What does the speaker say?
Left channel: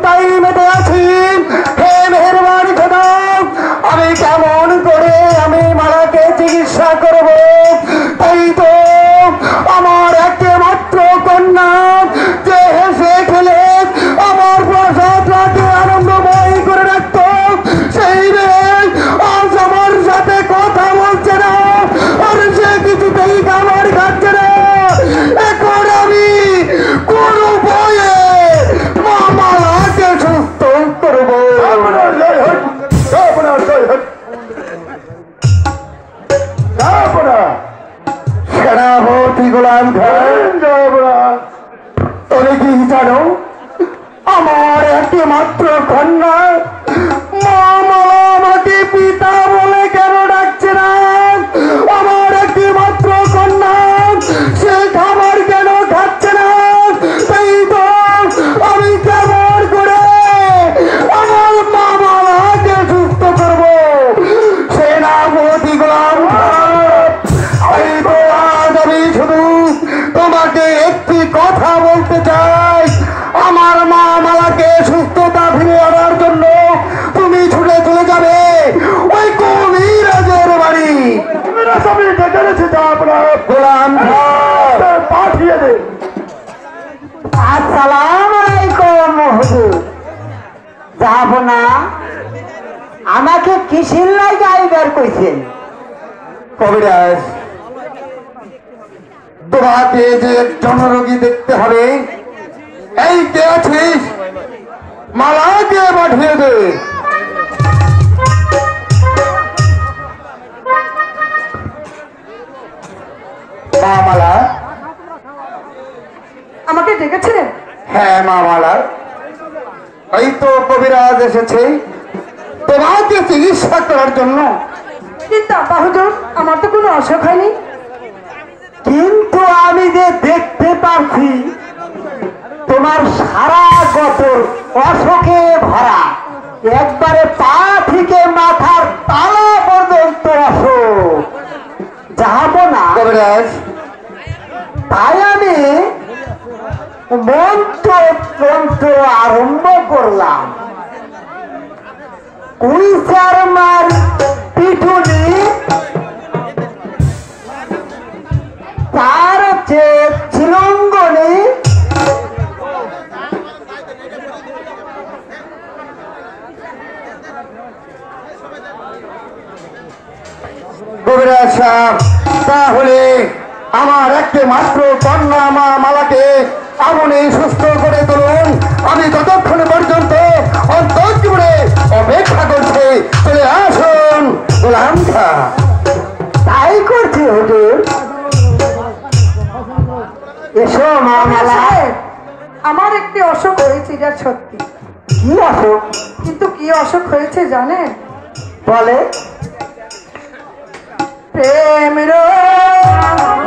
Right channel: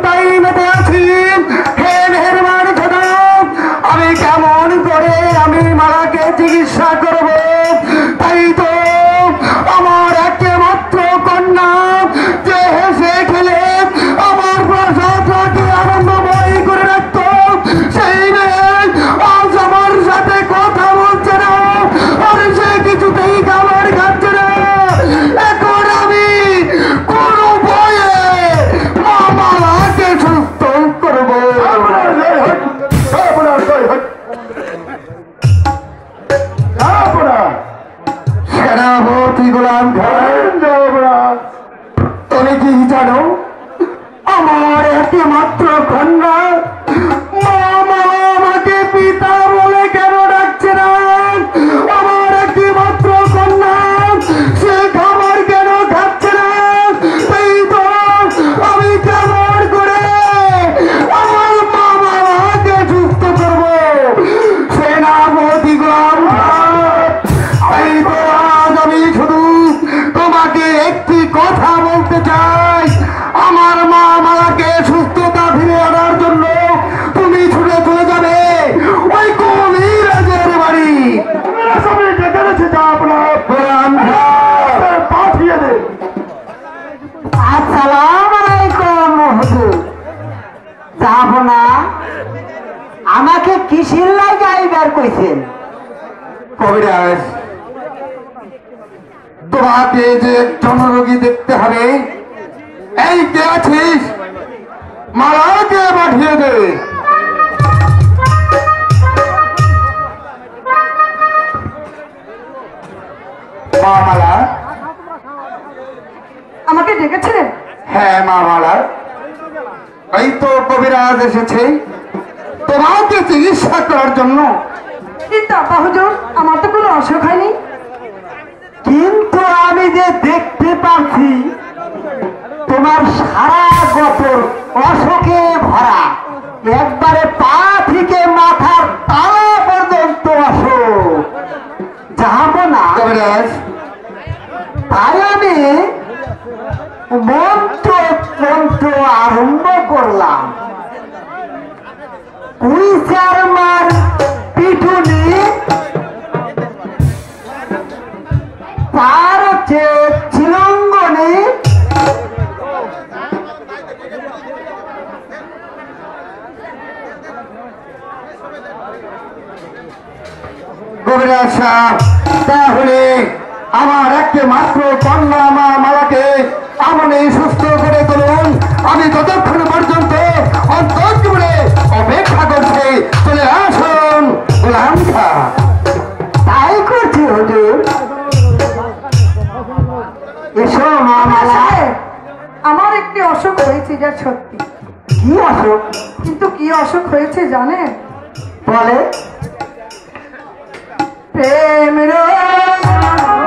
চিন্তায় মেতে আছি। হে মেহেরবান খোদা, আমি কেমন করে আমি মালাকে চিকিৎসা করব? তাই তো আমার একমাত্র কন্যা যে হেসে খেলে আমার প্রসাদটাকে আনন্দময় করে রাখত, সেই মেয়ে আজ আমার সাথে কথা বলছে না, আর সে কিছুতেই খাবার খাচ্ছে না। এখন আমি কোন উপায়ে মামাকে সুস্থ করবো? সেনাপতি গোলাম খান, তুমি কি জানো আমার একমাত্র কন্যা মামা আমাকে পিতা বলে কেন ডাকছে না? আমার একমাত্র কন্যা সে খাবার কেন খাচ্ছে না? তাই তো আমি কেমন করে আমার মামাকে সুস্থ করবো? সেনাপতি গোলাম খান, এই তো আজ আমি শুধু তোমাকে একটি কথা বলতে চাই। আমার মা মালাকে সুস্থতা ফিরে আনার জন্য তুমি ছুটে চলে যাবে ওই কবিরাজের বাড়ি। আমি ডেকে রেখেছি, আপনার গোলাম পাঠিয়ে দে। আসসালামু আলাইকুম হুজুর। যাব না? আমাকে কিসের লাগে আইবার কইছেন? কবিরাজ, তোমাকে যে জনরোগী দেখতে হবে, এই কে আছিস? মালাকে পাঠিয়ে দে। মা মালা, আমাকে ডেকেছিলেন? হ্যাঁ মা মালা, এই তো কবিরাজ এসেছে তোমাকে চিকিৎসা করার জন্য। কিন্তু আপা হুজুর, আমার তো কোনো অসুখ হয়নি। কিন্তু আমি যে দেখতে পাচ্ছি তোমার সারা বছর অসুখে ভরা, একবারে পা থেকে মাথার তালা পর্যন্ত অসুখ। যাব না কবিরাজ, তাই আমি মন্ত্র তন্ত্র আরম্ভ করলাম। কুইচারমার পিঠুনি, তার হচ্ছে চিলঙ্গনি, কবিরাজ সাহেব, তাহলে আমার একমাত্র কন্যা মা মালাকে আপনি সুস্থ করে তুলুন। আমি যতক্ষণ পর্যন্ত অন্তর্জীবনে অপেক্ষা করছি, চলে আসুন গোলাম খান। তাই করছি হুজুর। এসো মা মালা। আমার একটি অসুখ হয়েছে, এটা সত্যি। কি অসুখ? কিন্তু কি অসুখ হয়েছে জানেন? বলে। প্রেম